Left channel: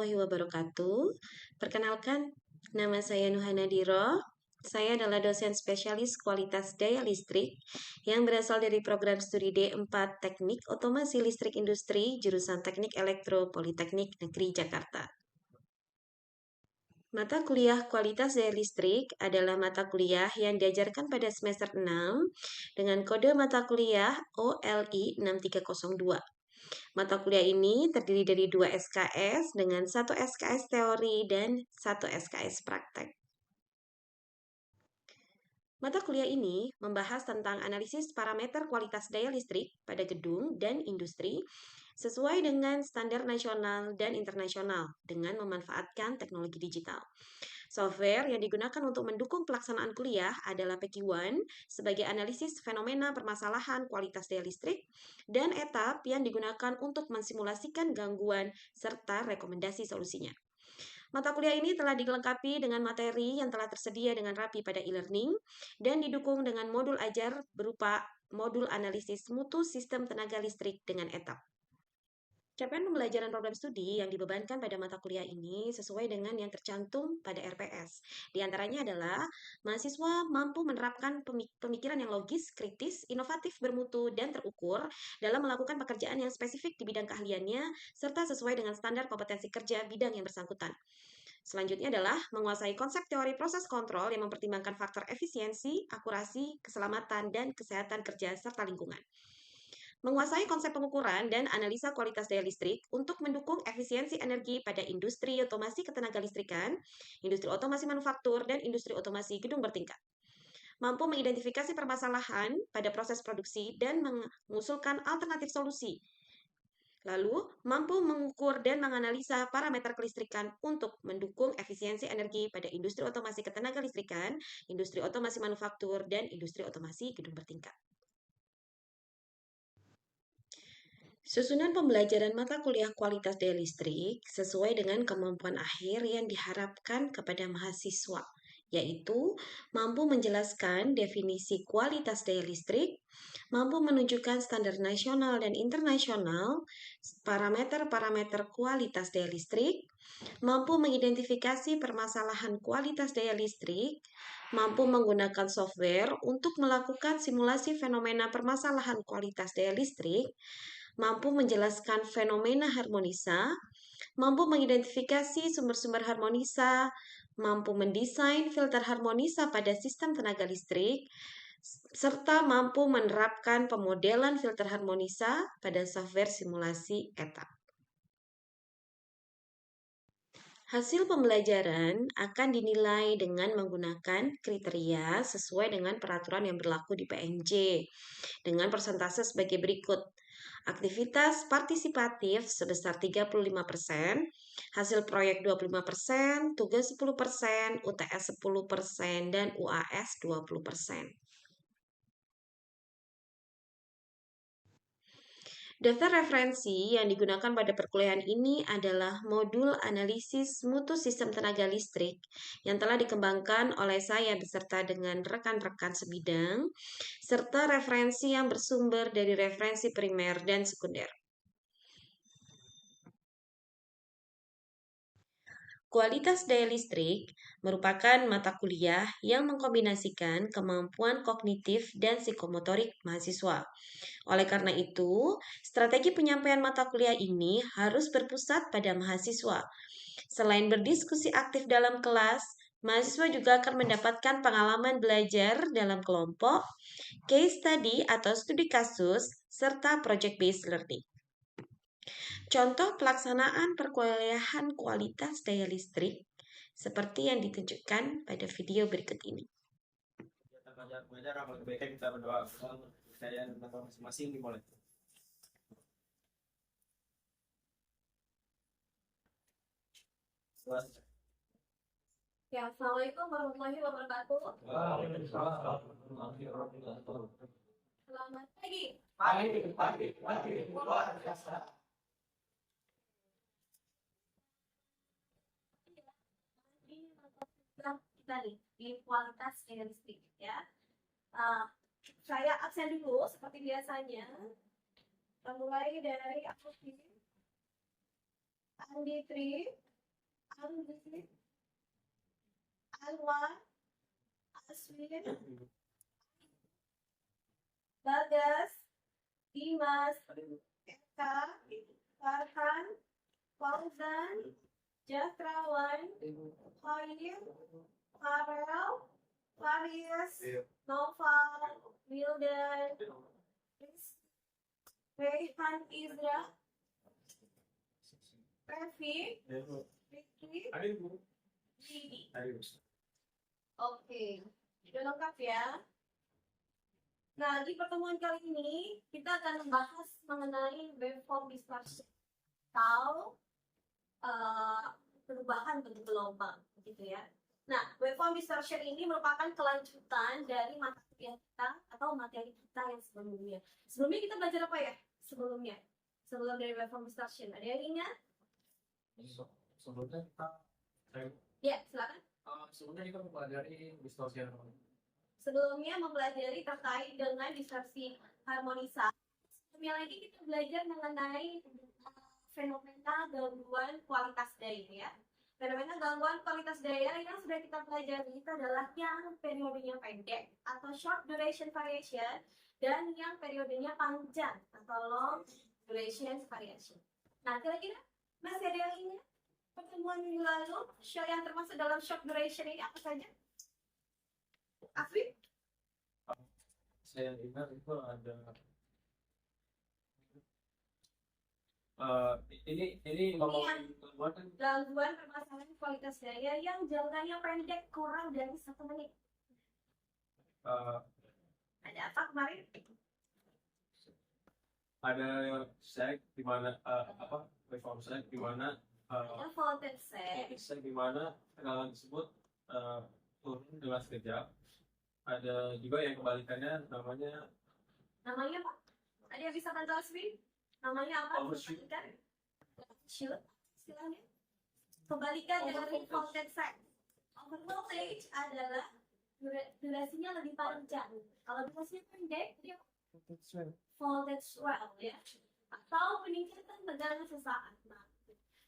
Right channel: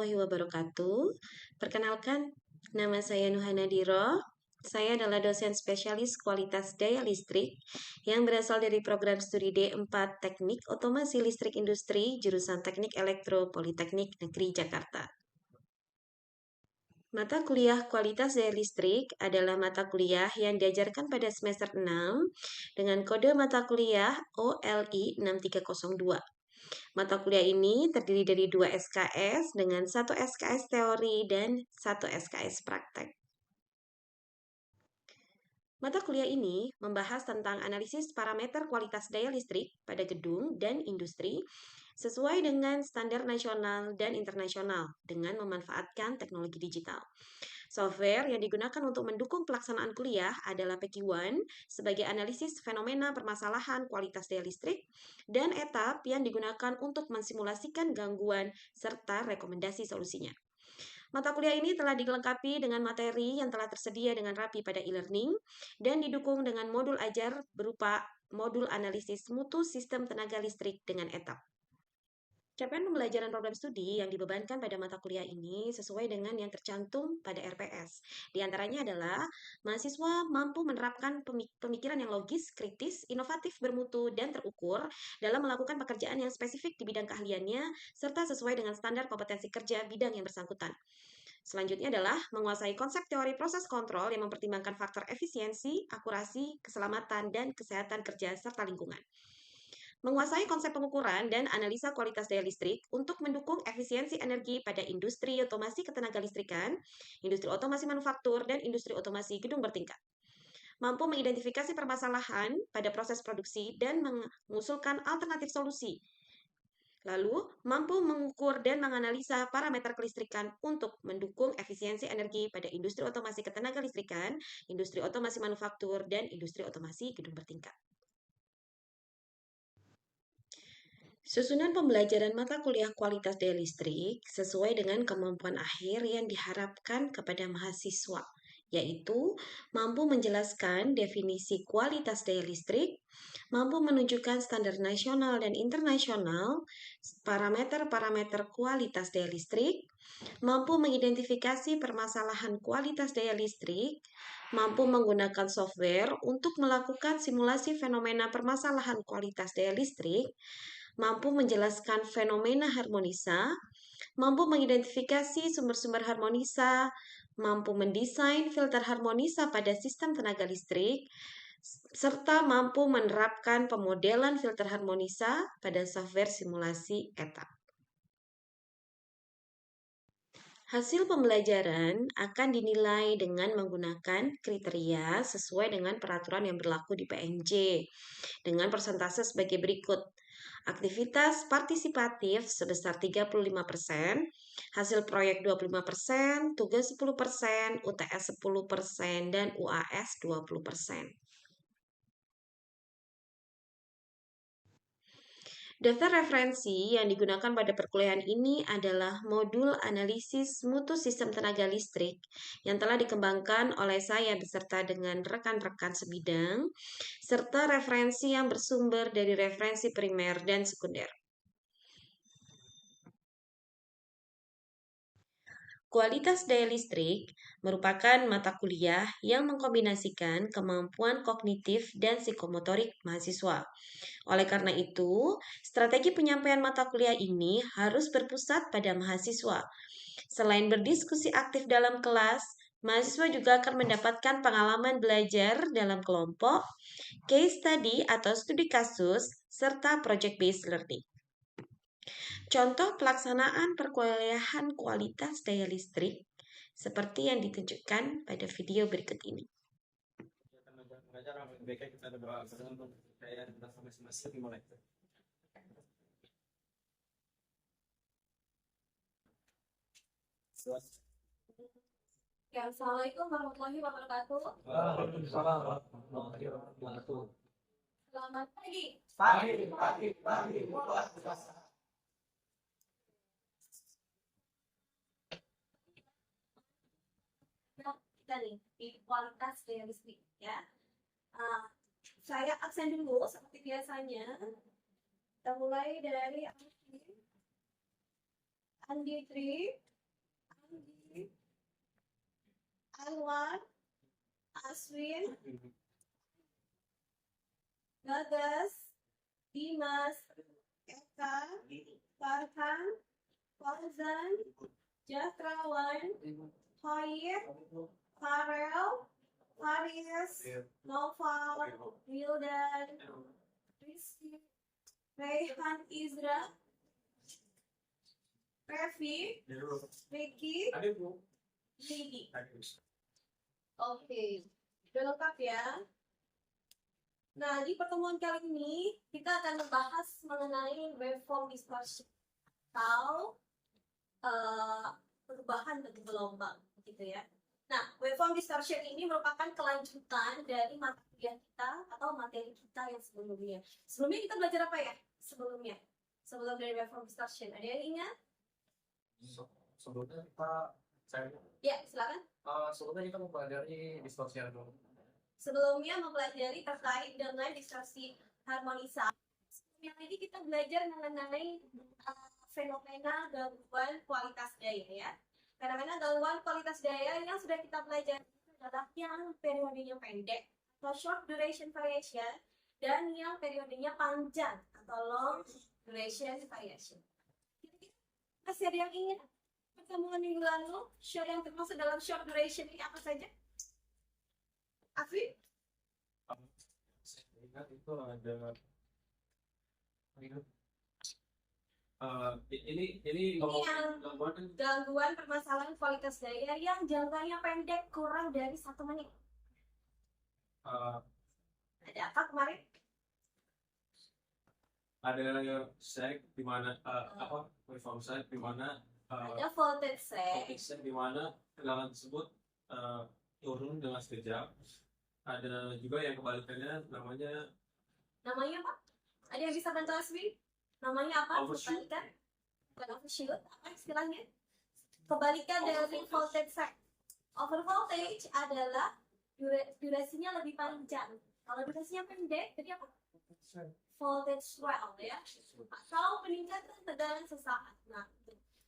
warahmatullahi wabarakatuh. Perkenalkan, nama saya Nuhana Diro. Saya adalah dosen spesialis kualitas daya listrik yang berasal dari program studi D4 Teknik Otomasi Listrik Industri jurusan Teknik Elektro Politeknik Negeri Jakarta. Mata kuliah kualitas daya listrik adalah mata kuliah yang diajarkan pada semester 6 dengan kode mata kuliah OLI 6302. Mata kuliah ini terdiri dari 2 SKS dengan 1 SKS teori dan 1 SKS praktek. Mata kuliah ini membahas tentang analisis parameter kualitas daya listrik pada gedung dan industri sesuai dengan standar nasional dan internasional dengan memanfaatkan teknologi digital. Software yang digunakan untuk mendukung pelaksanaan kuliah adalah PECI-1 sebagai analisis fenomena permasalahan kualitas daya listrik dan etap yang digunakan untuk mensimulasikan gangguan serta rekomendasi solusinya. Mata kuliah ini telah dilengkapi dengan materi yang telah tersedia dengan rapi pada e-learning dan didukung dengan modul ajar berupa modul analisis mutu sistem tenaga listrik dengan etap. Capaian pembelajaran program studi yang dibebankan pada mata kuliah ini sesuai dengan yang tercantum pada RPS. Di antaranya adalah mahasiswa mampu menerapkan pemikiran yang logis, kritis, inovatif, bermutu, dan terukur dalam melakukan pekerjaan yang spesifik di bidang keahliannya serta sesuai dengan standar kompetensi kerja bidang yang bersangkutan. Selanjutnya adalah menguasai konsep teori proses kontrol yang mempertimbangkan faktor efisiensi, akurasi, keselamatan, dan kesehatan kerja serta lingkungan. Menguasai konsep pengukuran dan analisa kualitas daya listrik untuk mendukung efisiensi energi pada industri otomasi ketenagalistrikan, industri otomasi manufaktur, dan industri otomasi gedung bertingkat. Mampu mengidentifikasi permasalahan pada proses produksi dan mengusulkan alternatif solusi. Lalu, mampu mengukur dan menganalisa parameter kelistrikan untuk mendukung efisiensi energi pada industri otomasi ketenagalistrikan, industri otomasi manufaktur, dan industri otomasi gedung bertingkat. Susunan pembelajaran mata kuliah kualitas daya listrik sesuai dengan kemampuan akhir yang diharapkan kepada mahasiswa, yaitu mampu menjelaskan definisi kualitas daya listrik, mampu menunjukkan standar nasional dan internasional, parameter-parameter kualitas daya listrik, mampu mengidentifikasi permasalahan kualitas daya listrik, mampu menggunakan software untuk melakukan simulasi fenomena permasalahan kualitas daya listrik, mampu menjelaskan fenomena harmonisa, mampu mengidentifikasi sumber-sumber harmonisa, mampu mendesain filter harmonisa pada sistem tenaga listrik, serta mampu menerapkan pemodelan filter harmonisa pada software simulasi etap. Hasil pembelajaran akan dinilai dengan menggunakan kriteria sesuai dengan peraturan yang berlaku di PNJ dengan persentase sebagai berikut. Aktivitas partisipatif sebesar 35%, hasil proyek 25%, tugas 10%, UTS 10%, dan UAS 20%. Daftar referensi yang digunakan pada perkuliahan ini adalah modul analisis mutu sistem tenaga listrik yang telah dikembangkan oleh saya beserta dengan rekan-rekan sebidang, serta referensi yang bersumber dari referensi primer dan sekunder. Kualitas daya listrik merupakan mata kuliah yang mengkombinasikan kemampuan kognitif dan psikomotorik mahasiswa. Oleh karena itu, strategi penyampaian mata kuliah ini harus berpusat pada mahasiswa. Selain berdiskusi aktif dalam kelas, mahasiswa juga akan mendapatkan pengalaman belajar dalam kelompok, case study atau studi kasus, serta project-based learning. Contoh pelaksanaan perkuliahan kualitas daya listrik seperti yang ditunjukkan pada video berikut ini. Ya, Assalamualaikum warahmatullahi wabarakatuh. Waalaikumsalam warahmatullahi wabarakatuh. Selamat pagi. Pagi. Luar biasa. Kita nih di kualitas daya listrik ya. Saya absen dulu seperti biasanya. Kita mulai dari Anditri, Anggi, Alwan, Aswin, Bagas, Dimas, Eka, Farhan, Fauzan, Jastrawan, Khair, Farel, Faris, Noval, Wildan, Rizky, Rayhan Izra, Revi, Ricky, Lidi. Oke, sudah lengkap ya. Nah, di pertemuan kali ini kita akan membahas mengenai waveform dispersion atau perubahan bentuk gelombang, gitu ya. Nah, waveform distortion ini merupakan kelanjutan dari mata kuliah kita atau materi kita yang sebelumnya. Sebelumnya kita belajar apa ya? Sebelum dari waveform distortion, ada yang ingat? Sebelumnya Ya, silakan. sebelumnya kita mempelajari distorsi harmoni. Sebelumnya mempelajari terkait dengan distorsi harmonisasi. Sebelumnya lagi kita belajar mengenai fenomena gangguan kualitas daya ya. Fenomena gangguan kualitas daya yang sudah kita pelajari itu adalah yang periodenya pendek atau short duration variation dan yang periodenya panjang atau long duration variation. Nah, kira-kira masih ada yang ingin pertemuan minggu lalu show yang termasuk dalam short duration ini apa saja? Afif? Saya ingat itu ada ini yang gangguan permasalahan kualitas daya yang jangkanya pendek kurang dari 1 menit. Ada apa kemarin? Ada seg di mana waveform seg di mana Ada voltage seg. di mana tegangan tersebut turun dengan sekejap. Ada juga yang kebalikannya namanya Namanya apa? Ada yang bisa bantu Aswi? Namanya apa? Overshoot. Kebalikan? Bukan overshoot, apa istilahnya? Kebalikan dari voltage seg. Over voltage adalah durasinya lebih panjang. Kalau durasinya pendek, jadi apa? Voltage swell ya, atau peningkatan tegangan sesaat.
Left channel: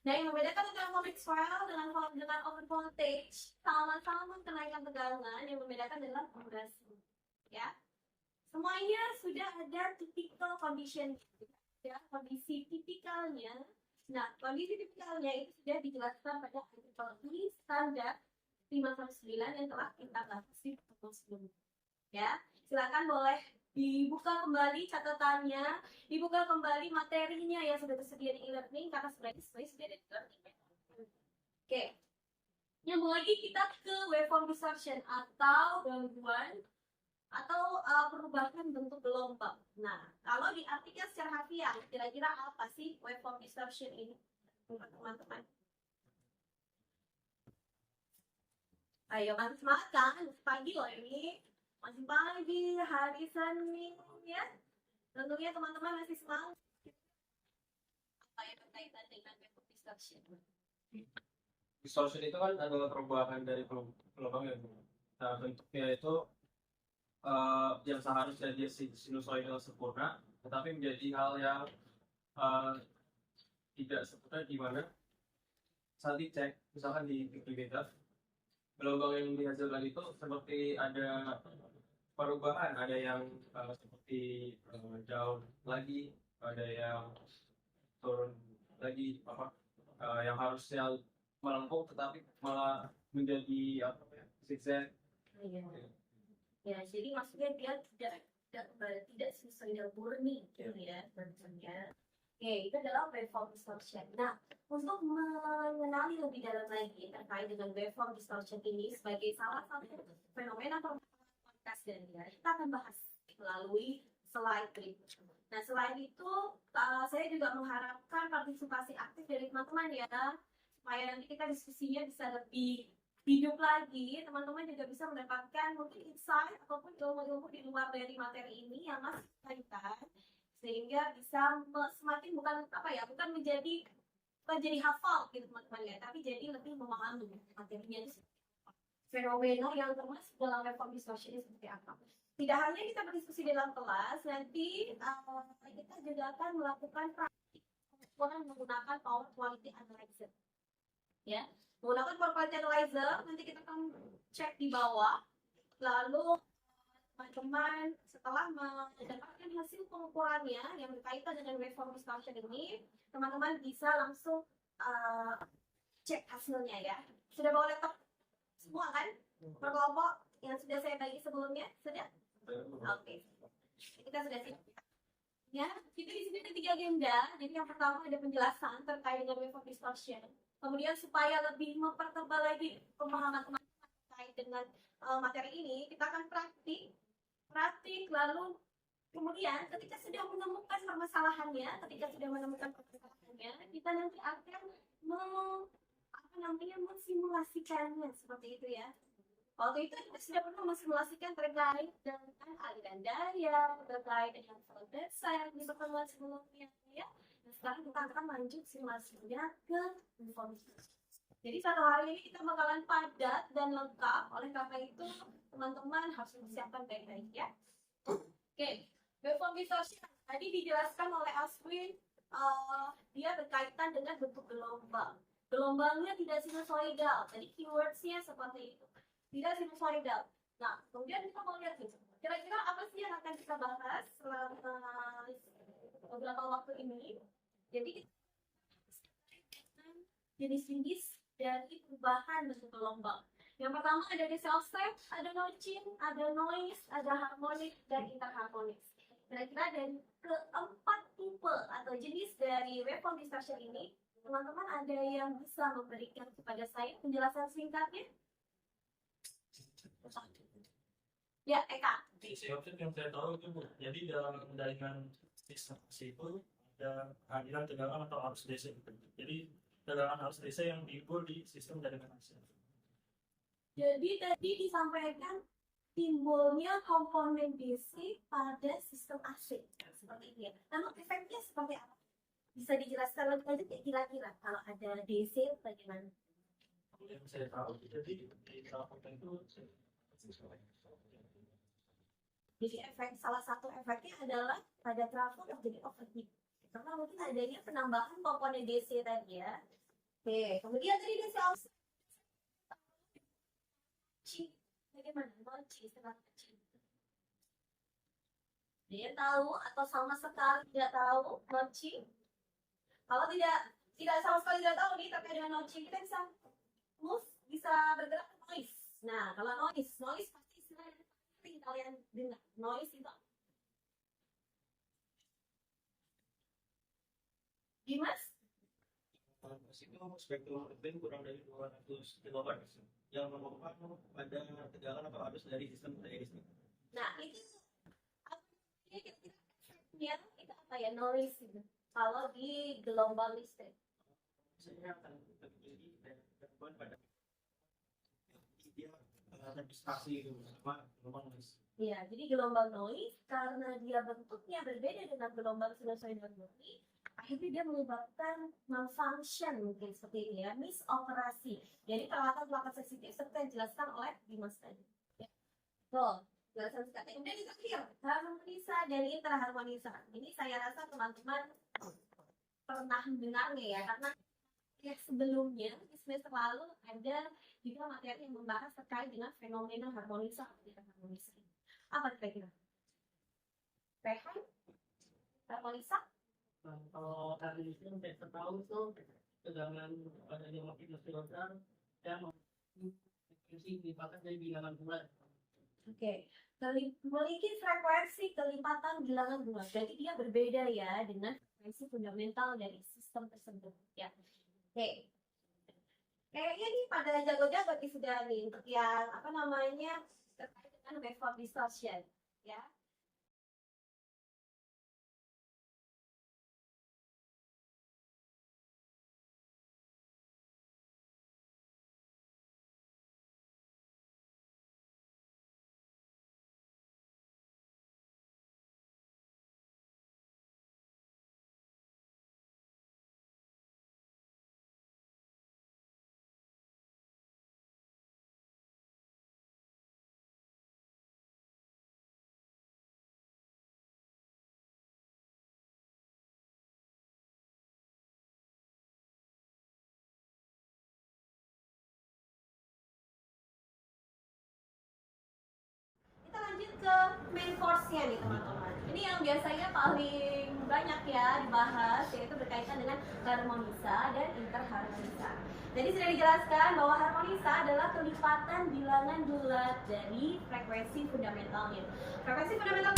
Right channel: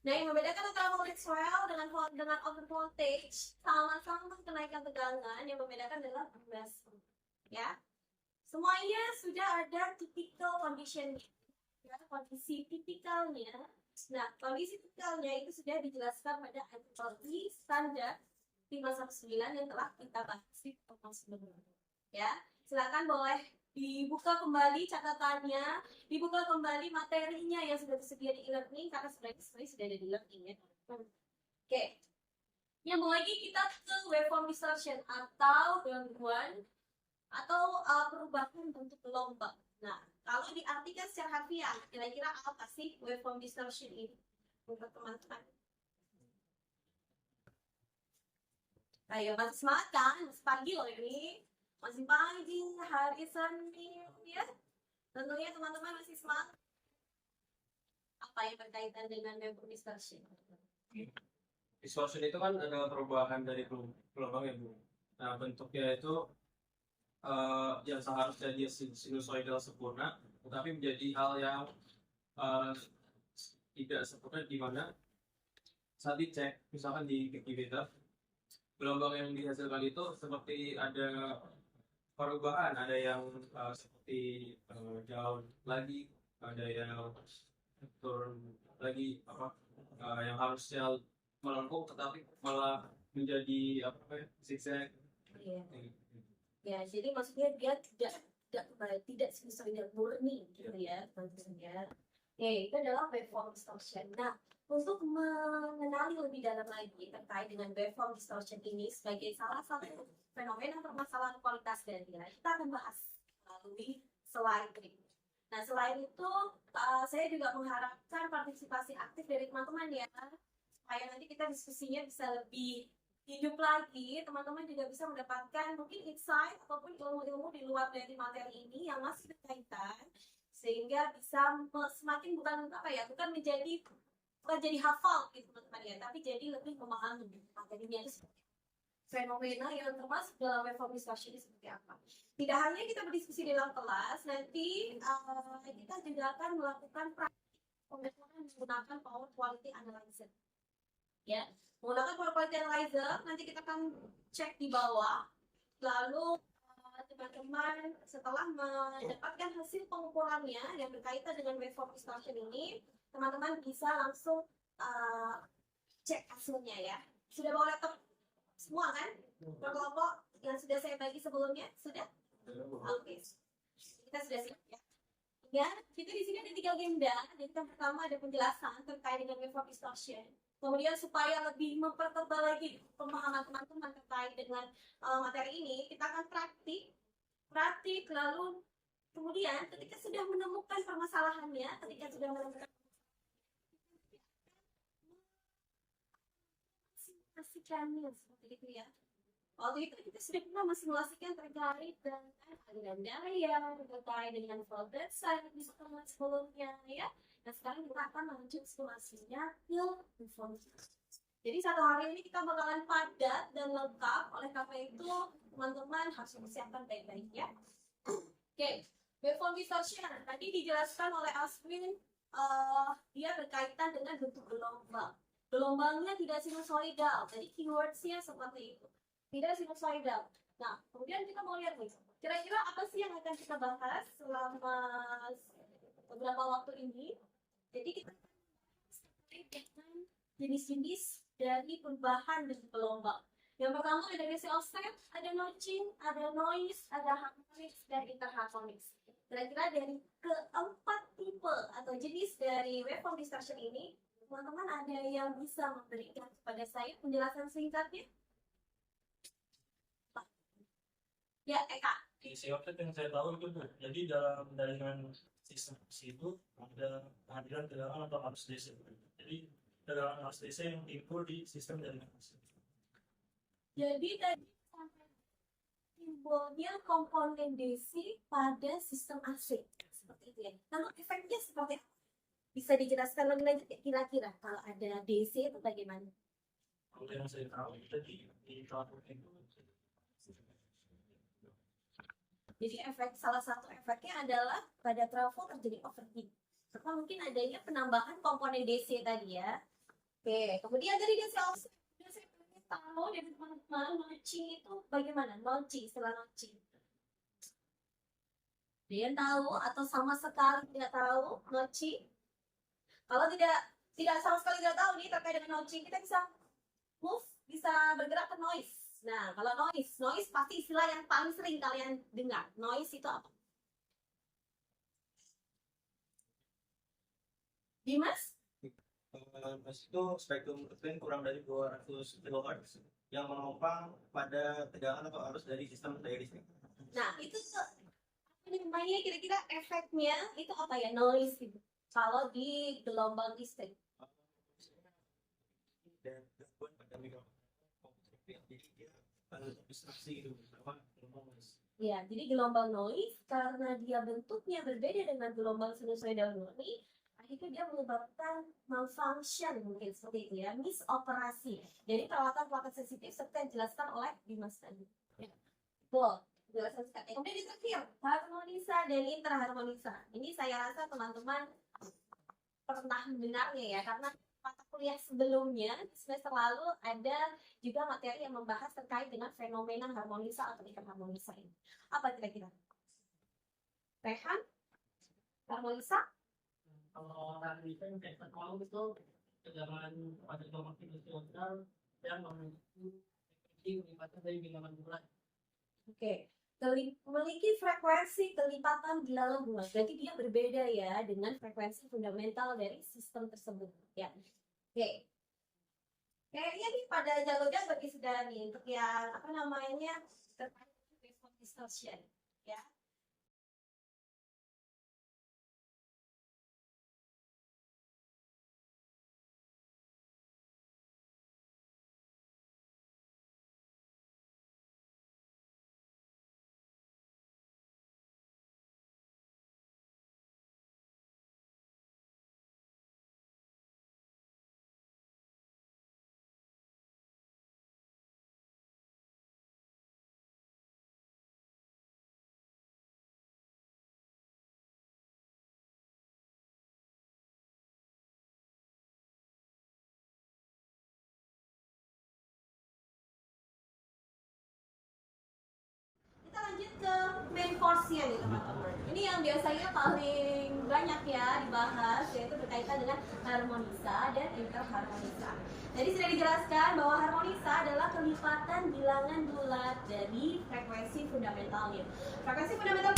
Nah, yang membedakan antara voltage swell dengan over voltage sama-sama kenaikan tegangan, yang membedakan adalah durasi. Ya, semuanya sudah ada typical condition, ya, kondisi tipikalnya. Nah, kondisi tipikalnya itu sudah dijelaskan pada IEEE standar 519 yang telah kita bahas di pertemuan sebelumnya. Ya, silakan boleh dibuka kembali catatannya, dibuka kembali materinya yang sudah tersedia di e-learning karena sebenarnya sudah ada di e-learning ya. Oke. Nyambung lagi kita ke waveform distortion atau gangguan atau perubahan bentuk gelombang. Nah, kalau diartikan secara harfiah, kira-kira apa sih waveform distortion ini untuk teman-teman? Ayo, masih semangat kan? Masih pagi loh ini. Masih pagi, hari Senin ya. Tentunya teman-teman masih semangat. Apa yang berkaitan dengan waveform distortion? distortion itu kan ada perubahan dari gelombang ya Bu. Nah bentuknya itu yang seharusnya dia sinusoidal sempurna, tetapi menjadi hal yang tidak sempurna di mana saat dicek, misalkan di Wikipedia, gelombang yang dihasilkan itu seperti ada perubahan, ada yang seperti down lagi, ada yang turun lagi, yang harusnya melengkung tetapi malah menjadi zigzag. Iya. Ya, jadi maksudnya dia tidak sinusoidal murni gitu ya, teman-teman ya. Itu adalah waveform distortion. Nah, untuk mengenali lebih dalam lagi terkait dengan waveform distortion ini sebagai salah satu fenomena permasalahan kualitas daya, kita akan bahas melalui slide berikut. Nah, selain itu, saya juga mengharapkan partisipasi aktif dari teman-teman ya, supaya nanti kita diskusinya bisa lebih hidup lagi, teman-teman juga bisa mendapatkan mungkin insight ataupun ilmu-ilmu di luar dari materi ini yang masih berkaitan, sehingga bisa semakin bukan menjadi hafal gitu teman-teman ya, tapi jadi lebih memahami materinya itu fenomena yang termasuk dalam waveform distortion ini seperti apa. Tidak hanya kita berdiskusi dalam kelas, nanti kita juga akan melakukan praktik pengukuran menggunakan power quality analyzer. Ya, Menggunakan power quality analyzer, nanti kita akan cek di bawah. Lalu teman-teman setelah mendapatkan hasil pengukurannya yang berkaitan dengan waveform distortion ini, teman-teman bisa langsung cek hasilnya ya. Sudah bawa laptop semua kan? Per kelompok yang sudah saya bagi sebelumnya sudah? Oke. Kita sudah siap ya. Ya, kita di sini ada 3 agenda. Jadi yang pertama ada penjelasan terkait dengan waveform distortion. Kemudian supaya lebih mempertebal lagi pemahaman teman-teman terkait dengan materi ini, kita akan praktik lalu kemudian ketika sudah menemukan permasalahannya, kita nanti akan mensimulasikannya seperti itu ya. Waktu itu kita sudah pernah mensimulasikan terkait dengan aliran daya, terkait dengan voltage yang di pertemuan sebelumnya ya. Dan sekarang kita akan lanjut simulasinya ke informasi. Jadi satu hari ini kita bakalan padat dan lengkap, oleh karena itu teman-teman harus mempersiapkan baik-baik ya. Oke, waveform distortion tadi dijelaskan oleh Aswin, dia berkaitan dengan bentuk gelombang. Gelombangnya tidak sinusoidal, tadi keywordsnya seperti itu, tidak sinusoidal. Nah, kemudian kita mau lihat nih, kira-kira apa sih yang akan kita bahas selama beberapa waktu ini. Jadi kita dengan jenis-jenis dari perubahan bentuk gelombang. Yang pertama ada self-step, ada notching, ada noise, ada harmonics, dan interharmonics. Kira-kira dari keempat tipe atau jenis dari waveform distortion ini, teman-teman ada yang bisa memberikan kepada saya penjelasan singkatnya? Ya, Eka. Di self-step yang saya tahu itu Bu, jadi dalam jaringan sistem itu ada kehadiran tegangan atau arus DC. Jadi tegangan arus DC yang timbul di sistem jaringan AC. Jadi tadi disampaikan timbulnya komponen DC pada sistem AC seperti itu ya. Lalu efeknya seperti apa? Bisa dijelaskan lebih lanjut ya kira-kira kalau ada DC itu bagaimana? Kalau yang saya tahu tadi di trafo itu jadi salah satu efeknya adalah pada trafo terjadi overheat. Karena mungkin adanya penambahan komponen DC tadi ya. Oke, kemudian tadi DC offset. Saya pengen tahu dari teman-teman notching itu bagaimana? Notching, setelah notching. Dia tahu atau sama sekali tidak tahu notching? Kalau tidak sama sekali tidak tahu nih terkait dengan notching, kita bisa bergerak ke noise. Nah, kalau noise pasti istilah yang paling sering kalian dengar. Noise itu apa? Dimas? Noise itu spektrum frekuensi kurang dari 200 kHz yang menopang pada tegangan atau arus dari sistem daya listrik. Nah, itu apa namanya kira-kira efeknya itu apa ya? Noise gitu. Kalau di gelombang listrik. Misalnya akan terjadi dan gangguan pada mikrofon. Jadi dia terdistraksi gitu sama gelombang noise. Ya, jadi gelombang noise karena dia bentuknya berbeda dengan gelombang sinusoidal murni, akhirnya dia menyebabkan malfunction mungkin seperti itu ya, misoperasi. Jadi peralatan-peralatan sensitif seperti yang dijelaskan oleh Dimas tadi. Ya. Tuh, penjelasan singkatnya. Kemudian di terakhir, harmonisa dan interharmonisa. Ini saya rasa teman-teman pernah mendengarnya ya, karena mata kuliah sebelumnya di semester lalu ada juga materi yang membahas terkait dengan fenomena harmonisa atau interharmonisa ini. Apa kira-kira? Rehan? Harmonisa? Kalau harmonisa yang kita tahu itu tegangan pada gelombang sinusoidal yang memiliki frekuensi kelipatan dari bilangan bulan. Oke. Memiliki frekuensi kelipatan bilangan bulan. Berarti dia berbeda ya dengan frekuensi fundamental dari sistem tersebut. Ya. Oke. Kayaknya nih pada jago-jago nih sudah nih untuk yang apa namanya terkait dengan waveform distortion. Ya. harmonisnya nih teman-teman. Ini yang biasanya paling banyak ya dibahas, yaitu berkaitan dengan harmonisa dan interharmonisa. Jadi sudah dijelaskan bahwa harmonisa adalah kelipatan bilangan bulat dari frekuensi fundamentalnya. Frekuensi fundamental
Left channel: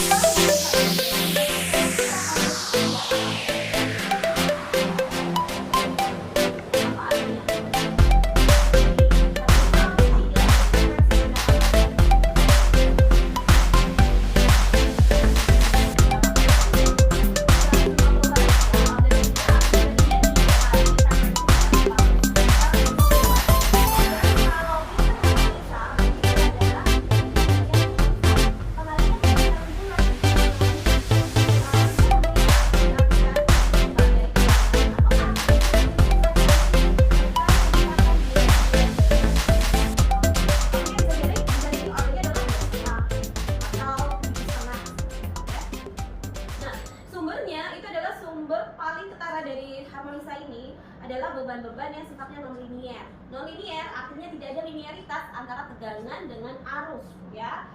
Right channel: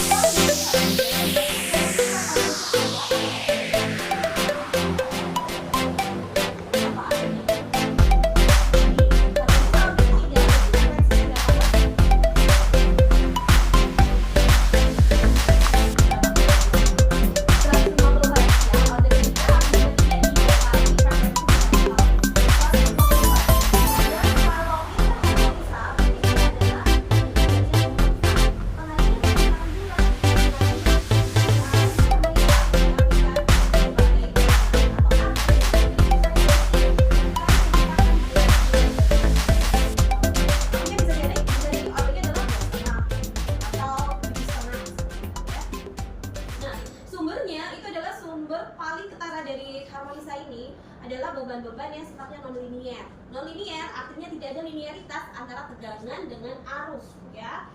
adalah beban-beban yang sifatnya non-linier. Non-linier artinya tidak ada linearitas antara tegangan dengan arus, ya.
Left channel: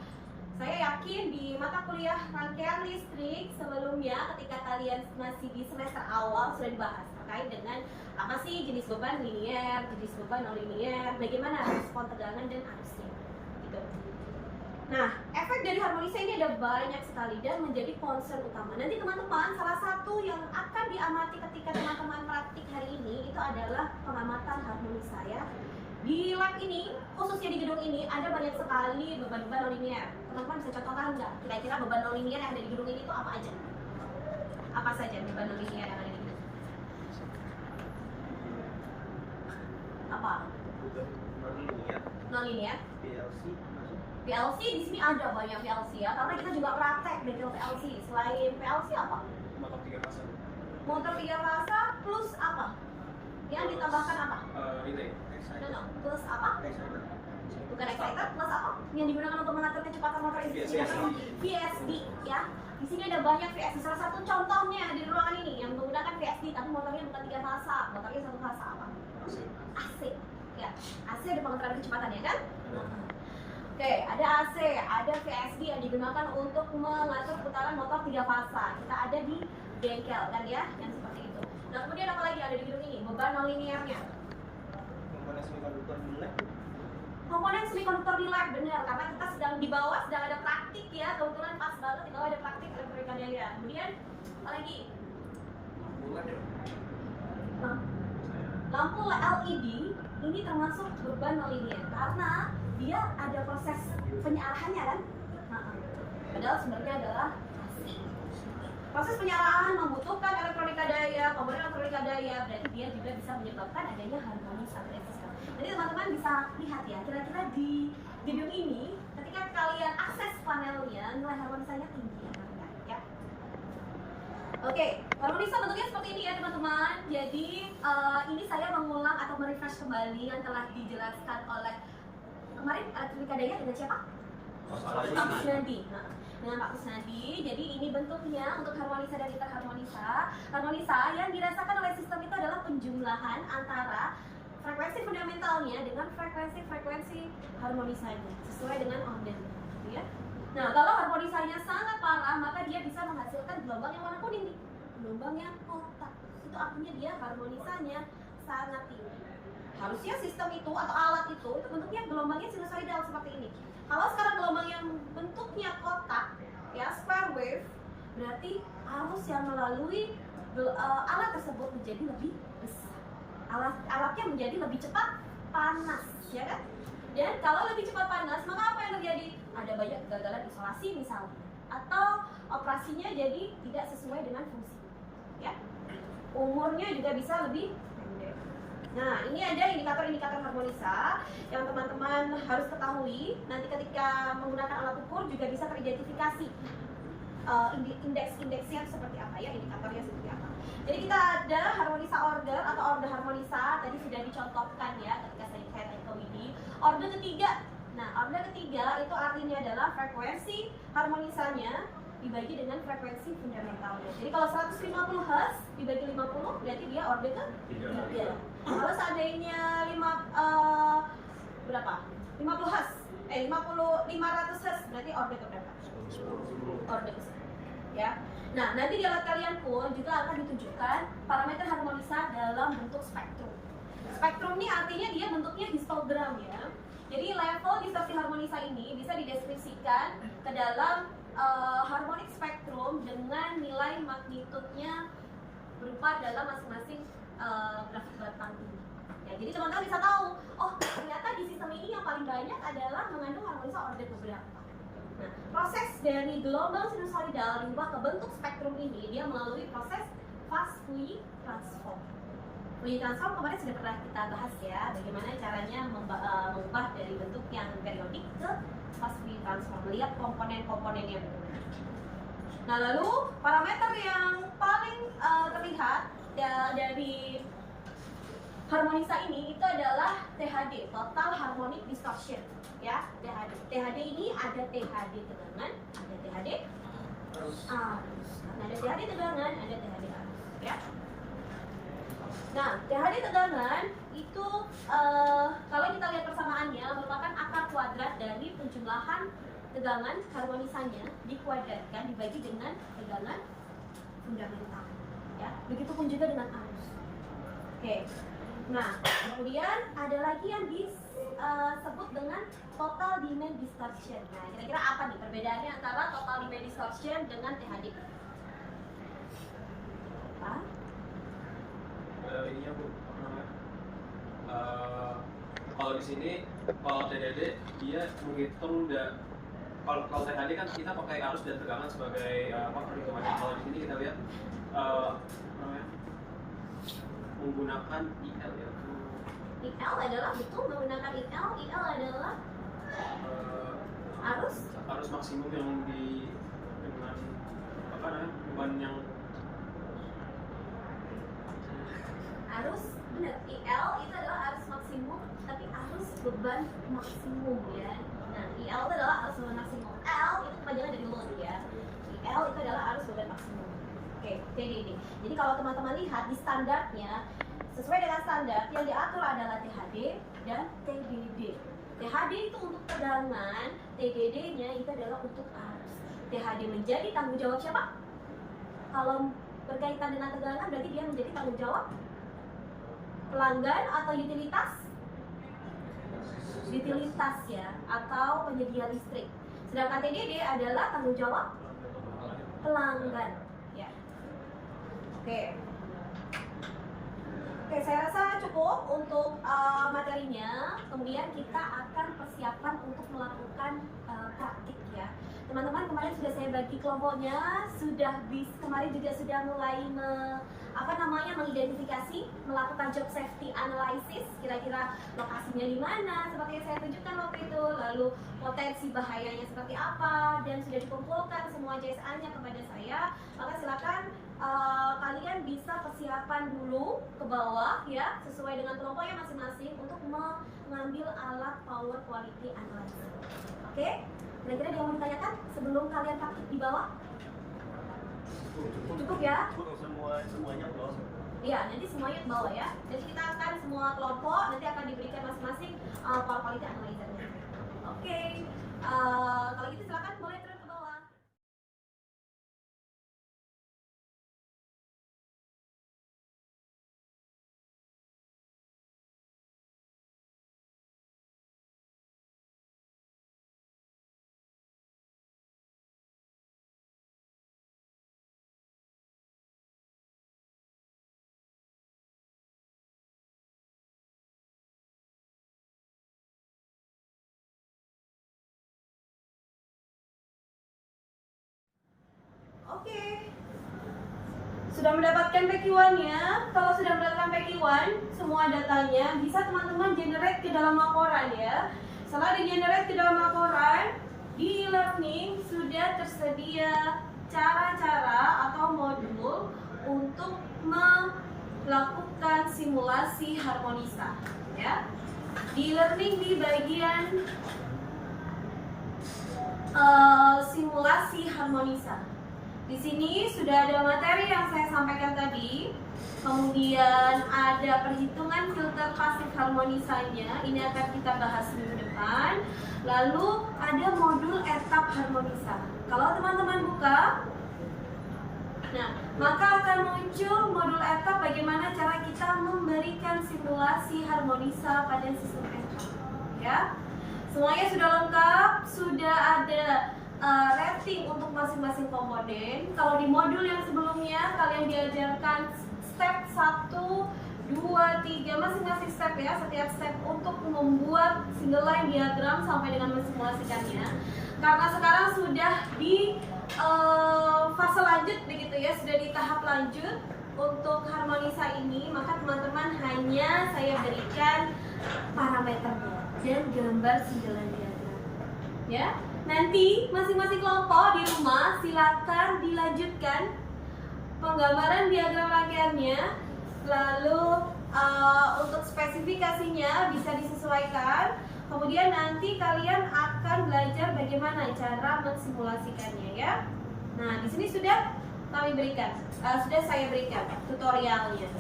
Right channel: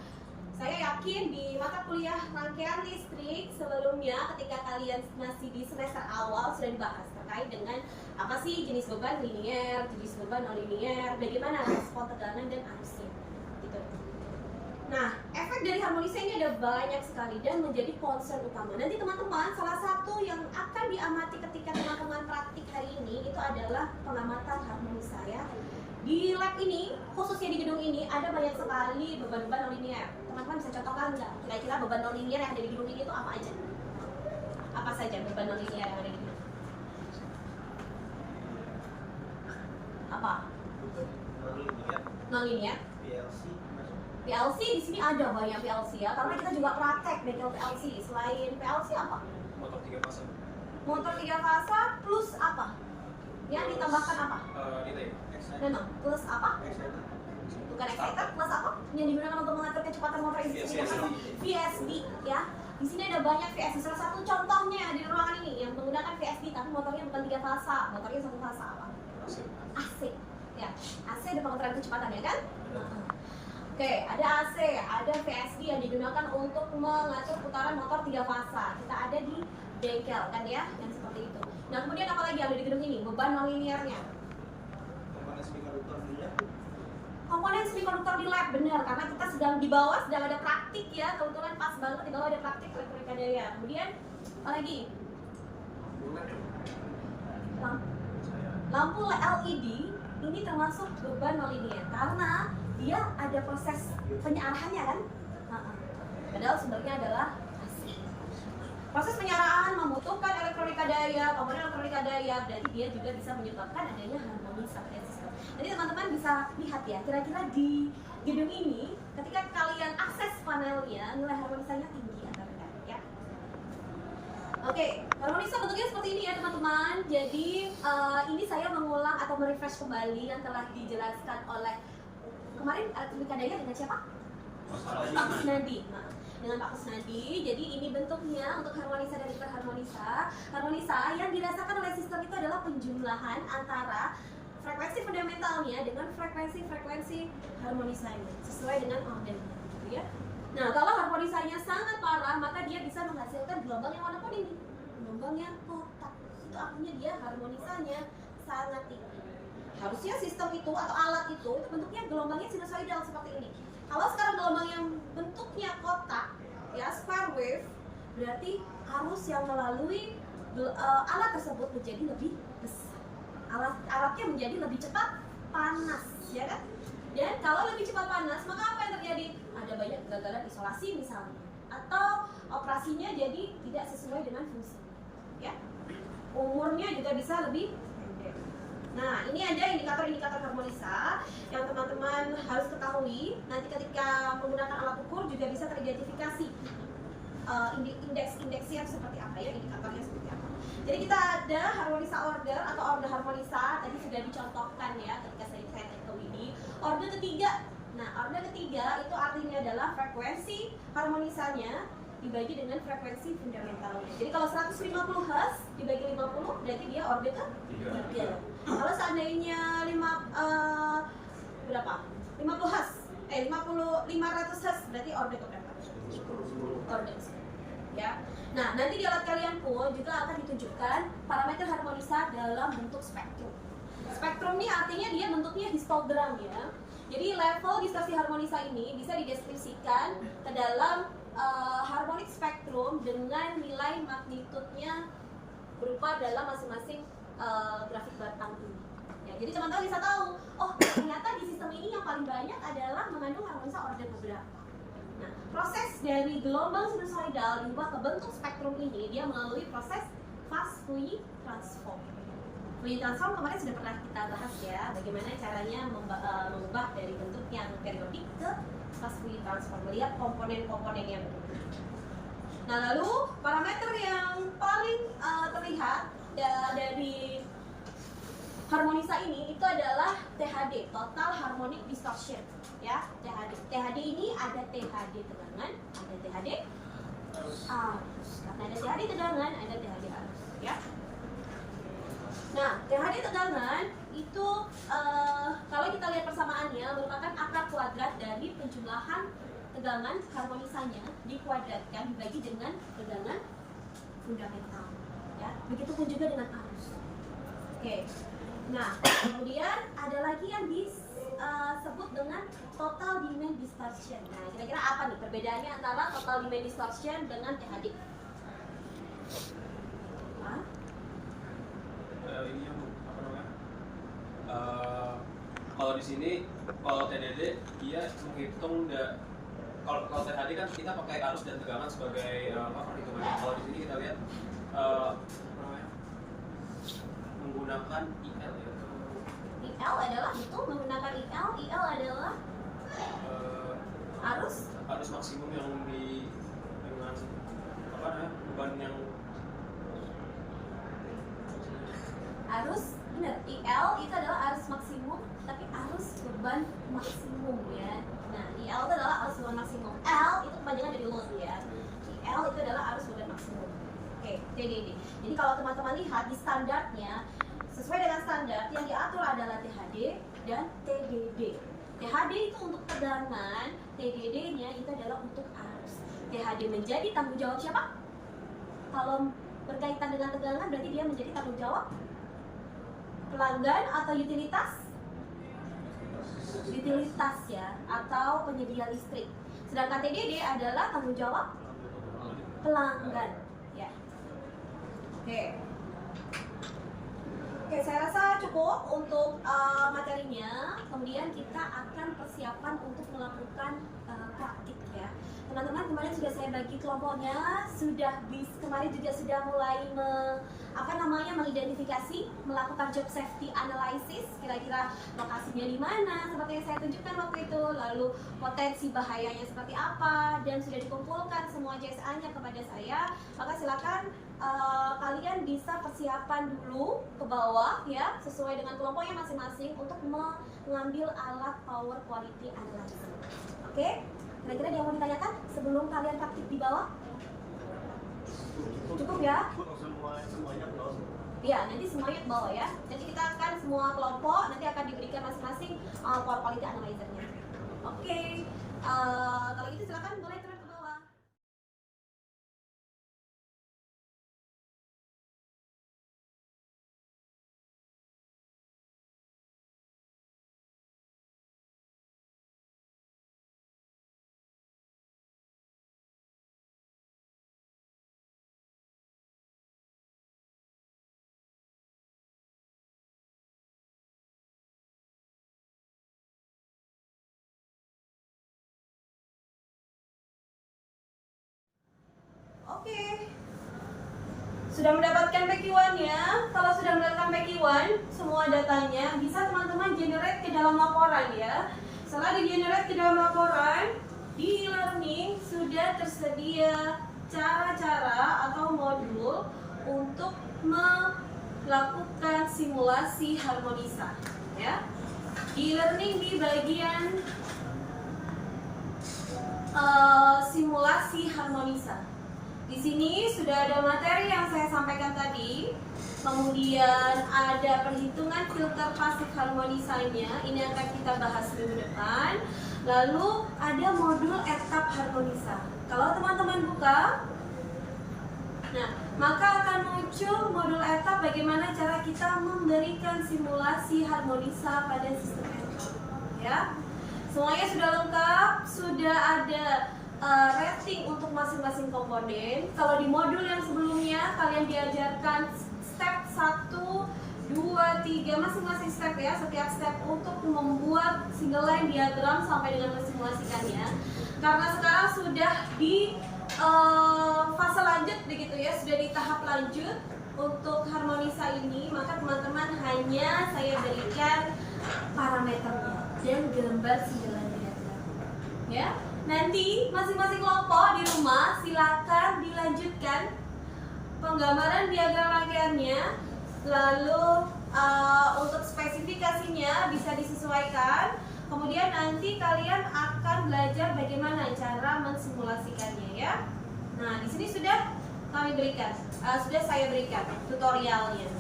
Saya yakin di mata kuliah rangkaian listrik sebelumnya ketika kalian masih di semester awal sudah dibahas terkait dengan apa sih jenis beban linier, jenis beban non-linier, bagaimana respon tegangan dan arusnya. Gitu. Nah, efek dari harmonisa ini ada banyak sekali dan menjadi concern utama. Nanti teman-teman, salah satu yang akan diamati ketika teman-teman praktik hari ini itu adalah pengamatan harmonisa ya. Di lab ini, khususnya di gedung ini, ada banyak sekali beban-beban non-linier. Teman-teman bisa contohkan nggak? Kira-kira beban non-linier yang ada di gedung ini itu apa aja? Apa saja beban non-linier yang ada di gedung? Apa? Non-linier? PLC di sini ada banyak PLC ya, karena kita juga praktek bengkel PLC. Selain PLC apa? Motor 3 fase. Motor 3 fase plus apa? Yang ditambahkan apa? Relay. No, plus apa? Bukan exciter, plus apa? Yang digunakan untuk mengatur kecepatan motor ini? VSD ya. Di sini ada banyak VSD. Salah satu contohnya di ruangan ini yang menggunakan VSD tapi motornya bukan 3 fase, motornya 1 fase apa? AC. Ya, AC ada pengaturan kecepatan ya kan? Oke, ada AC, ada VSD yang digunakan untuk mengatur putaran motor 3 fase. Kita ada di bengkel kan ya, yang seperti itu. Nah, kemudian apa lagi ada di gedung ini? Beban non-liniernya. Komponen semikonduktor di lab. Komponen semikonduktor di lab, benar, karena kita sedang di bawah sedang ada praktik ya, kebetulan pas banget di bawah ada praktik elektronika daya. Kemudian apa lagi? Lampu LED ini termasuk beban non-linier karena dia ada proses penyarahannya kan? Nah, padahal sumbernya adalah AC. Proses penyarahan membutuhkan elektronika daya, komponen elektronika daya, berarti dia juga bisa menyebabkan adanya harmonisa pada sistem. Jadi teman-teman bisa lihat ya, kira-kira di gedung ini, ketika kalian akses panelnya, nilai harmonisanya tinggi atau rendah ya? Oke, harmonisa bentuknya seperti ini ya teman-teman. Jadi ini saya mengulang atau merefresh kembali yang telah dijelaskan oleh kemarin elektronika daya dengan siapa? Pak Kusnadi. Nah, dengan Pak Kusnadi. Jadi ini bentuknya untuk harmonisa dan interharmonisa. Harmonisa yang dirasakan oleh sistem itu adalah penjumlahan antara frekuensi fundamentalnya dengan frekuensi harmonisanya sesuai dengan orden, gitu ya. Nah, kalau harmonisanya sangat parah, maka dia bisa menghasilkan gelombang yang warna kuning, gelombang yang kotak. Itu artinya dia harmonisanya sangat tinggi. Harusnya sistem itu atau alat itu bentuknya gelombangnya sinusoidal seperti ini. Kalau sekarang gelombang yang bentuknya kotak, ya square wave, berarti arus yang melalui alat tersebut menjadi lebih besar. Alatnya menjadi lebih cepat panas, ya kan? Dan kalau lebih cepat panas, maka apa yang terjadi? Ada banyak kegagalan isolasi misalnya, atau operasinya jadi tidak sesuai dengan fungsi, ya. Umurnya juga bisa lebih pendek. Nah, ini ada indikator-indikator harmonisa yang teman-teman harus ketahui. Nanti ketika menggunakan alat ukur juga bisa teridentifikasi indeks-indeksnya seperti apa ya, indikatornya seperti apa. Jadi kita ada harmonisa order atau order harmonisa, tadi sudah dicontohkan ya ketika saya ke Widi. Order ketiga, nah order ketiga itu artinya adalah frekuensi harmonisanya dibagi dengan frekuensi fundamentalnya. Jadi kalau 150 Hz dibagi 50 berarti dia order ke 3. Kalau seandainya 500 Hz berarti order ke berapa? disorders. Ya. Nah, nanti di alat kalian pun juga akan ditunjukkan parameter harmonisa dalam bentuk spektrum. Spektrum ini artinya dia bentuknya histogram ya. Jadi level distorsi harmonisa ini bisa dideskripsikan ke dalam harmonic spektrum dengan nilai magnitudenya berupa dalam masing-masing grafik batang ini. Ya, jadi teman-teman bisa tahu, oh ternyata di sistem ini yang paling banyak adalah mengandung harmonisa order beberapa. Nah, proses dari gelombang sinusoidal diubah ke bentuk spektrum ini dia melalui proses fast Fourier transform. Fourier transform kemarin sudah pernah kita bahas ya, bagaimana caranya mengubah dari bentuk yang periodik ke fast Fourier transform, melihat komponen-komponennya benar. Nah, lalu parameter yang paling terlihat dari harmonisa ini itu adalah THD, total harmonic distortion, ya. THD ini ada THD tegangan, ada THD arus. Karena ada THD tegangan, ada THD arus, ya. Nah, THD tegangan itu kalau kita lihat persamaannya merupakan akar kuadrat dari penjumlahan tegangan harmonisanya dikuadratkan dibagi dengan tegangan fundamental, ya. Begitupun juga dengan arus. Oke. Nah, kemudian ada lagi yang disebut dengan total demand distortion. Nah, kira-kira apa nih perbedaannya antara total demand distortion dengan THD? Hah? Ininya Bu, apa namanya? Kalau di sini, kalau TDD dia menghitung kalau THD kan kita pakai arus dan tegangan sebagai perhitungannya. Kalau di sini kita lihat apa namanya? Menggunakan IL ya. IL adalah betul menggunakan IL. IL adalah arus maksimum yang dengan apa namanya? Beban yang arus benar. IL itu adalah arus maksimum, tapi arus beban maksimum ya. Nah, IL itu adalah arus beban maksimum. L itu kepanjangan dari load ya. IL itu adalah arus beban maksimum. Oke, TDD. Jadi kalau teman-teman lihat di standarnya, sesuai dengan standar yang diatur adalah THD dan TDD. THD itu untuk tegangan, TDD-nya itu adalah untuk arus. THD menjadi tanggung jawab siapa? Kalau berkaitan dengan tegangan berarti dia menjadi tanggung jawab pelanggan atau utilitas ya, atau penyedia listrik. Sedangkan TDD adalah tanggung jawab pelanggan ya. Oke, saya rasa cukup untuk materinya. Kemudian kita akan persiapan untuk melakukan praktik ya. Teman-teman kemarin sudah saya bagi kelompoknya, kemarin juga sudah mulai mengidentifikasi, melakukan job safety analysis, kira-kira lokasinya di mana, seperti yang saya tunjukkan waktu itu, lalu potensi bahayanya seperti apa, dan sudah dikumpulkan semua JSA-nya kepada saya. Maka silakan kalian bisa persiapan dulu ke bawah ya, sesuai dengan kelompoknya masing-masing untuk mengambil alat power quality analysis. Oke? Kira-kira dia mau ditanyakan sebelum kalian praktik di bawah? Cukup ya? Iya, nanti semuanya ke bawah ya. Jadi kita akan semua kelompok nanti akan diberikan masing-masing power quality analyzer-nya. Oke. Kalau gitu silakan boleh turun ke bawah. Oke. Sudah mendapatkan PQ1-nya. Kalau sudah mendapatkan PQ1, semua datanya bisa teman-teman generate ke dalam laporan ya. Setelah di-generate ke dalam laporan, di e-learning sudah tersedia cara-cara atau modul untuk melakukan simulasi harmonisa ya. Di e-learning di bagian simulasi harmonisa. Di sini sudah ada materi yang saya sampaikan tadi, kemudian ada perhitungan filter pasif harmonisanya, ini akan kita bahas minggu depan. Lalu ada modul etap harmonisa. Kalau teman-teman buka, nah, maka akan muncul modul ETA bagaimana cara kita memberikan simulasi harmonisa pada sistem ETA. Ya, semuanya sudah lengkap, sudah ada rating untuk masing-masing komponen. Kalau di modul yang sebelumnya kalian diajarkan step 1, 2, 3 masing-masing step ya, setiap step untuk membuat single line diagram sampai dengan mensimulasikannya. Karena sekarang sudah di fase lanjut begitu ya, sudah di tahap lanjut untuk harmonisa ini, maka teman-teman hanya saya berikan parameternya dan gambar single line diagram. Ya, nanti masing-masing kelompok di rumah silakan dilanjutkan penggambaran diagram rangkaiannya. Lalu untuk spesifikasinya bisa disesuaikan. Kemudian nanti kalian akan belajar bagaimana cara mensimulasikannya ya. Nah, di sini sudah kami berikan, sudah saya berikan tutorialnya.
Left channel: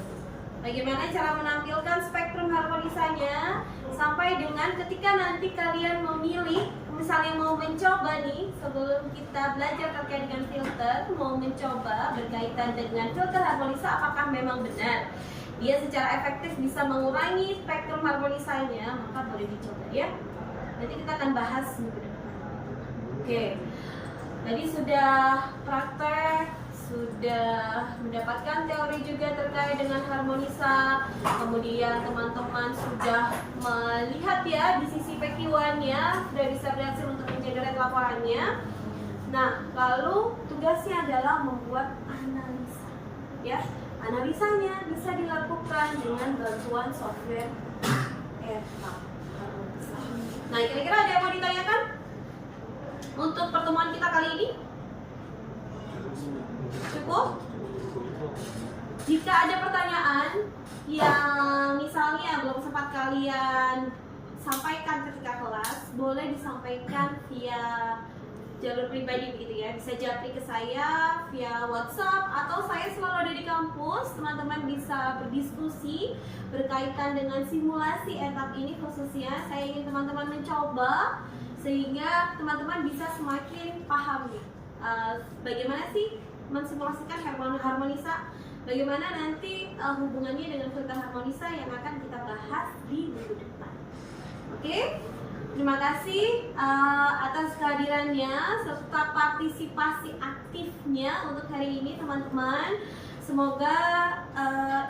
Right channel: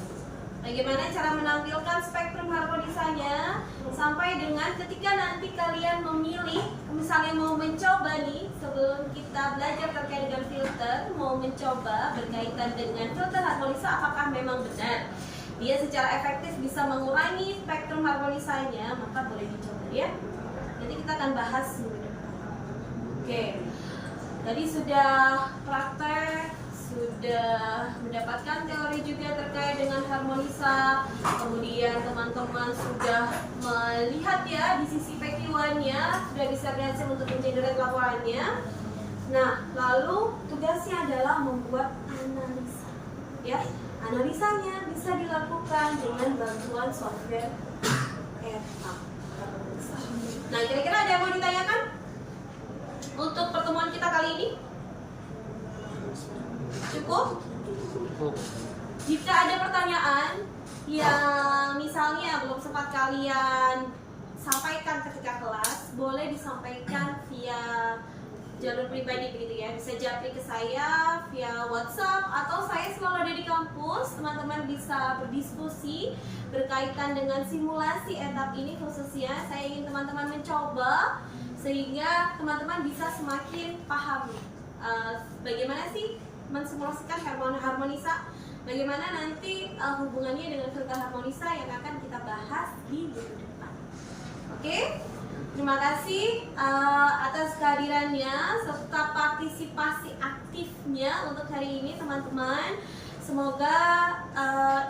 Bagaimana cara menampilkan spektrum harmonisanya sampai dengan ketika nanti kalian memilih, misalnya mau mencoba nih, sebelum kita belajar terkait dengan filter, mau mencoba berkaitan dengan filter harmonisa apakah memang benar dia secara efektif bisa mengurangi spektrum harmonisanya, maka boleh dicoba ya. Nanti kita akan bahas minggu depan. Oke, tadi sudah praktek, sudah mendapatkan teori juga terkait dengan harmonisa. Kemudian teman-teman sudah melihat ya di sisi PQ1-nya, sudah bisa berhasil untuk mengenerate laporannya. Nah, lalu tugasnya adalah membuat analisa ya. Analisanya bisa dilakukan dengan bantuan software ETA. Nah, kira-kira ada yang mau ditanyakan untuk pertemuan kita kali ini? Cukup? Jika ada pertanyaan yang misalnya belum sempat kalian sampaikan ketika kelas, boleh disampaikan via jalur pribadi begitu ya, bisa japri ke saya via WhatsApp atau saya selalu ada di kampus. Teman-teman bisa berdiskusi berkaitan dengan simulasi etap ini, khususnya saya ingin teman-teman mencoba sehingga teman-teman bisa semakin paham nih bagaimana sih mensimulasikan harmonisa, bagaimana nanti hubungannya dengan filter harmonisa yang akan kita bahas di minggu depan. Oke? Terima kasih atas kehadirannya serta partisipasi aktifnya untuk hari ini teman-teman. Semoga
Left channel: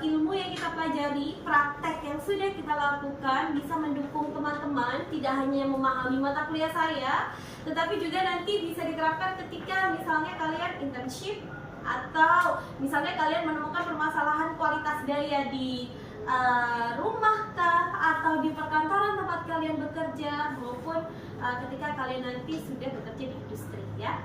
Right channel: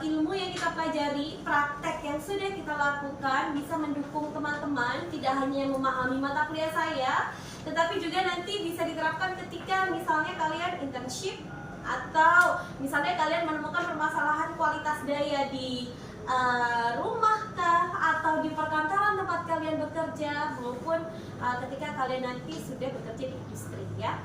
ilmu yang kita pelajari, praktek yang sudah kita lakukan bisa mendukung teman-teman, tidak hanya memahami mata kuliah saya, tetapi juga nanti bisa diterapkan ketika misalnya kalian internship atau misalnya kalian menemukan permasalahan kualitas daya di rumah kah atau di perkantoran tempat kalian bekerja, maupun ketika kalian nanti sudah bekerja di industri ya.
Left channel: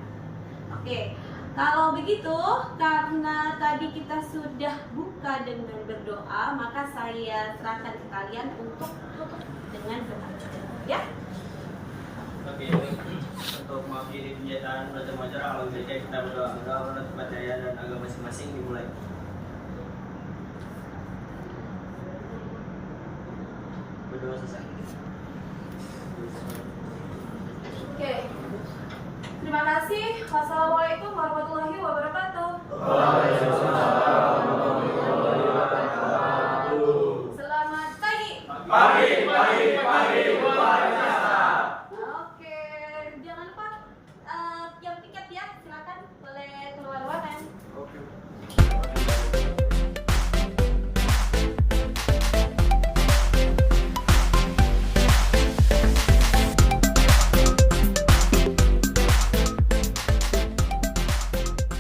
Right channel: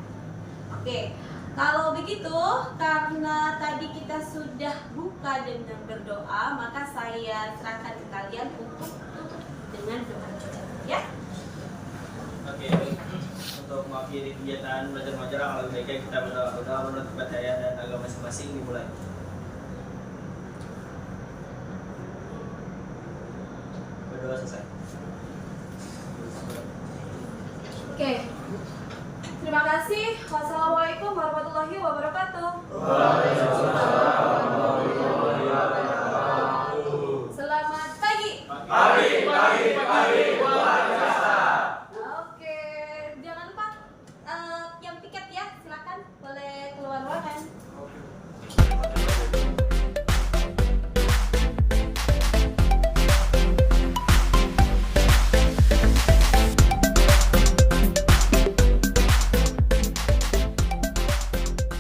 Oke, kalau begitu karena tadi kita sudah buka dengan berdoa, maka saya serahkan ke kalian untuk tutup dengan doa juga ya. Oke, untuk mengakhiri kegiatan belajar mengajar, lebih baiknya kita berdoa menurut kepercayaan dan agama masing-masing dimulai. Berdoa selesai. Oke. Terima kasih. Wassalamualaikum warahmatullahi wabarakatuh.